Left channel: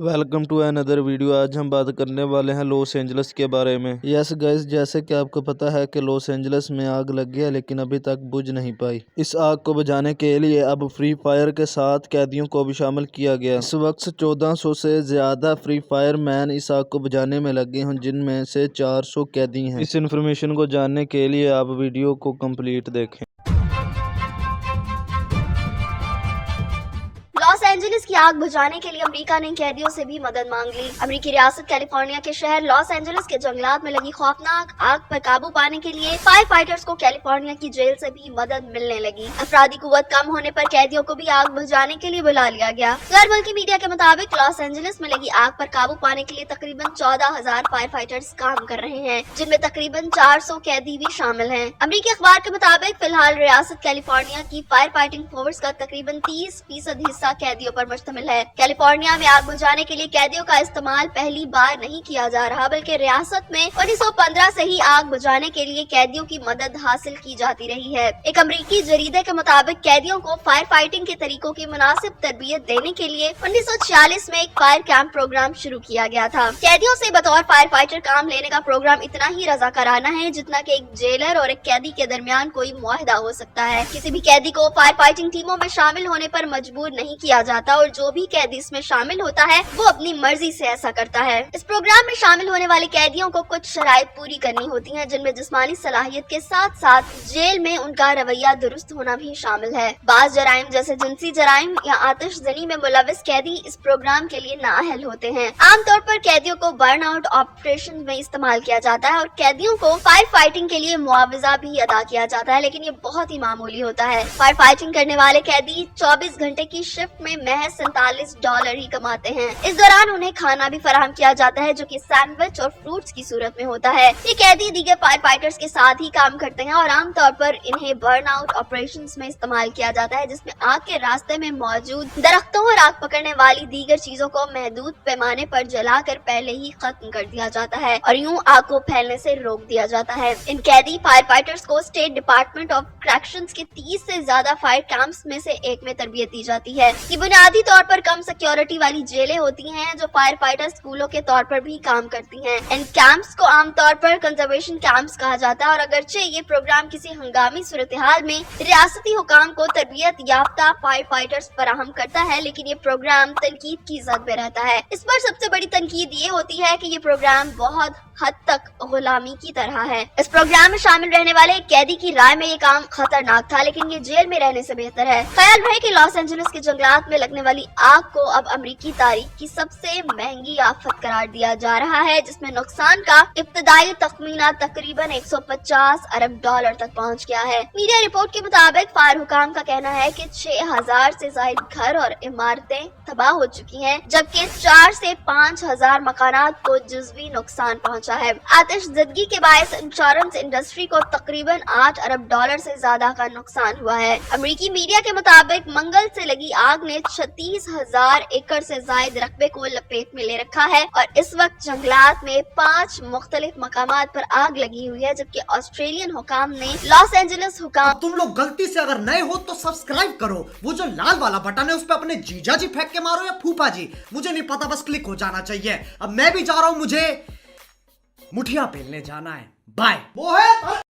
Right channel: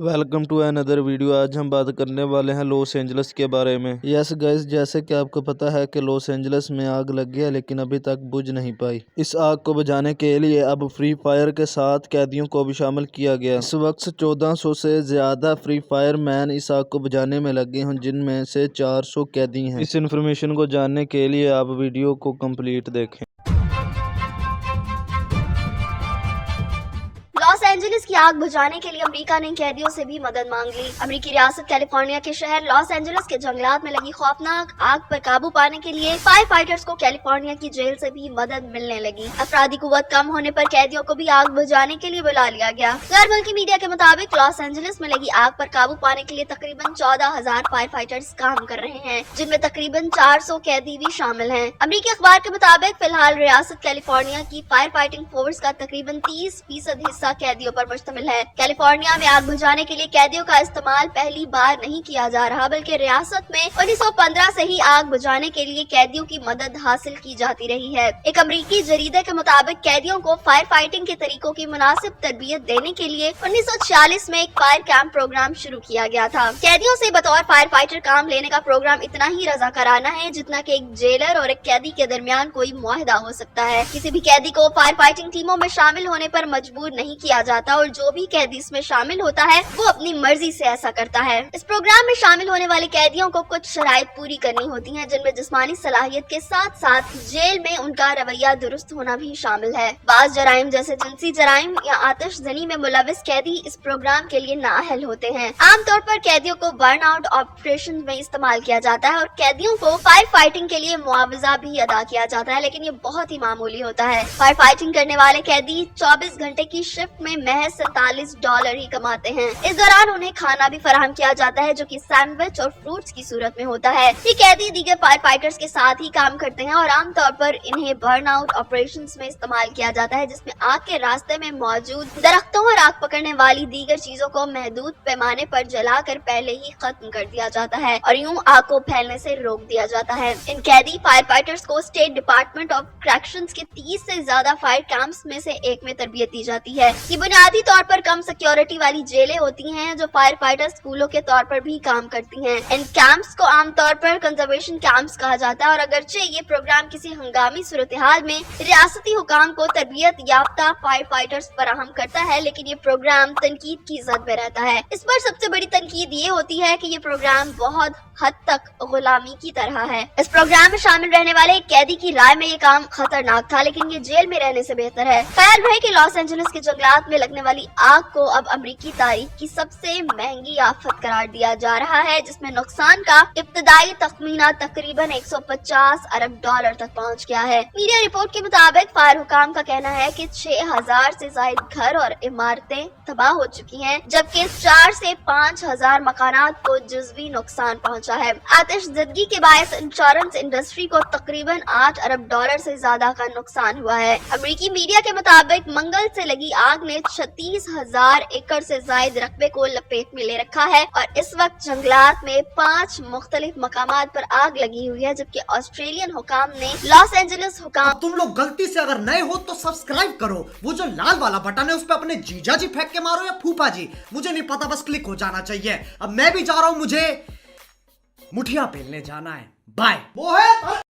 Welcome to another video. आज हम बात करने वाले हैं लॉस एंजल्स के बारे में। यस गाइस, जैसे कि आपको पता है कि लॉस एंजल्स में आग लगी है, लेकिन अभी तक बुझ नहीं पाई। इस आग को बुझाने के लिए अब फ्री फायर के साथ कैदियों को भी शामिल किया गया। इस वक्त 1400 से ज्यादा फ्री फायर मैन इस आग को बुझाने में लगे हैं, जिनमें से 400 कैदी हैं। इस इन्फॉर्मेशन को जानने के लिए आप वीडियो को कंप्लीट देखें। लॉस एंजलिस की आग बुझाने के लिए अमेरिका ने कैदियों से भी मदद मांग ली। अमेरिकी रियासत कैलिफोर्निया के शहर लॉस एंजलिस के जंगलात में लगी खौफनाक आग पर काबू पाने के लिए फायर फाइटर्स को कैलिफोर्निया की जेल से भी मदद मिलने लगी। अफरादी कुव्वत कम होने पर कैदियों को भी आग बुझाने के लिए बुला लिया गया। गैर मुल्की मीडिया के मुताबिक लॉस एंजलिस में लगी आग पर काबू पाने के लिए तकरीबन 14,000 फायर फाइटर्स काम कर रहे हैं, जिनमें तकरीबन 400 कैदी भी शामिल हैं। अमेरिकी अखबार के मुताबिक फिलहाल रियासत कैलिफोर्निया की फायर फाइटिंग फोर्स का तकरीबन 30% हिस्सा कैदियों पर मुश्तमिल है। कैलिफोर्निया में आग बुझाने के लिए कैदियों का इस्तेमाल पहली बार नहीं किया जा रहा, बल्कि रियासत में 1915 से ही आग बुझाने के लिए कैदियों की मदद हासिल की जाती रही है। एक अमेरिकी जरीदे के मुताबिक कैदियों को फायर फाइटिंग के तरीकों की मुनासिब तरबियत देने के लिए 1946 में एक फायर कैंप प्रोग्राम शुरू किया गया था। कैदियों से बतौर फायर फाइटर काम लेने का प्रोग्राम इतना ही रज़ाकाराना है जितना कि एक जेलर और एक कैदी के दरमियान कोई मुआहदा हो सकता है। किसी भी कैदी को फायर फाइटिंग टीमों में शामिल होने पर मजबूर नहीं किया जाता और जो भी कैदी इसमें शामिल होता है वो अपनी मर्जी से ऐसा करता है। इस प्रोग्राम में शामिल होने वाले कैदियों को कुछ शराइत पूरी करनी होती हैं, जिनमें जिस्मानी सलाहियत के साथ साथ जेल में उनका रवैया दुरुस्त होना भी शामिल है। बाज जराइम जैसे जिनसी जराइम या आतिशजनी में मुलविस कैदी इस प्रोग्राम के लिए नाअहल होते हैं। आमतौर पर कैदियों को बर्न आउट ऑपरेशन में इस्तेमाल किया जाता है और कैदियों को फायर फाइटिंग के लिए मुआवजा भी अदा किया जाता है, लेकिन ये बहुत ही मामूली होता है। फायर फाइटिंग करने वाले कैदी 24 घंटे की शिफ्ट में महज $47 ही कमाते हैं। इस दौरान उन्हें खाना भी फराहम किया जाता है, जो कि सैंडविच और फ्रूट्स की सूरत में होता है। ये कैदी दीगर फायर फाइटर्स के साथ ही काम करते हैं और आमतौर पर इन्हें बर्न आउट ऑपरेशंस में इस्तेमाल किया जाता है, जिसमें आग के रास्ते में मौजूद दरख्तों और आग पकड़ने वाली दीगर चीजों को महदूद पैमाने पर जलाकर पहले ही खत्म कर दिया जाता है और यूं आग को फैलने से रोक दिया जाता है। इन कैदी फायर फाइटर्स को स्टेट डिपार्टमेंट ऑफ करैक्शंस के 30 से ज्यादा फायर कैंप्स में से एक में तरबियत दी जाती है। ये बुनियादी तौर पर कम सिक्योरिटी वाली जेलें होती हैं, जो फायर फाइटर स्कूलों के तौर पर भी काम करती हैं। इन कैंप्स को आमतौर पर कंजर्वेशन कैंप्स कहा जाता है और अगरचे ये प्रोग्राम किसी हंगामी सूरत हाल में रियासती हुकाम को तरबियत याफ्ता फायर फाइटर्स फराहम करता है, लेकिन ये प्रोग्राम तनकीद की जद में रहता है। इस पर सबसे बड़ी तनकीद ये होती है कि ये प्रोग्राम बहुत हद तक गुलामी की तरह है। इस प्रोग्राम में शामिल रहने वाले एक कैदी की राय में ये काम खतरनाक था, लेकिन ये जेल में रहने से बेहतर है। ख्याल रहे कि लॉस एंजलिस के जंगलात में लगने वाली आग को अब अमेरिकी तारीख की सबसे महंगी आफत करार दिया जा रहा है, जिसमें नुकसान का इब्तदाई तखमीना तकरीबन $150 अरब तक पहुंच गया है। मीडिया रिपोर्ट के मुताबिक फायर हुकाम का कहना है कि 6,000 से ज्यादा घर और इमारतें तबाह हो चुकी हैं, जबकि 4 से 5,000 मकानात को जुज़वी नुकसान पहुंचा है। आतिशज़दगी के बायस इंश्योरेंस इंडस्ट्री को तकरीबन $8 अरब से ज्यादा का नुकसान हुआ है। अमेरिकी मीडिया के मुताबिक मंगल से लगी आग ने 36,000 एकड़ से ज्यादा रकबे को लपेट में ले रखा है और इस वक्त जंगलात में 5 मुख्तलिफ मकामात पर आग लगी हुई है, जबकि ऑस्ट्रेलियन हुकाम ने लॉस एंजलिस हुकाम तुम लोग गलती से अगर नए हो तो सब्सक्राइब करो, वो जो लाल वाला बटन है उस पर अपने जीजा जी फेंक के मारो या फूफा जी, मुझे नहीं पता, बस क्लिक हो जाना चाहिए। अब मैं भी जा रहा हूं, मुझे मुठिया पेलने जाना है। बाय। वो है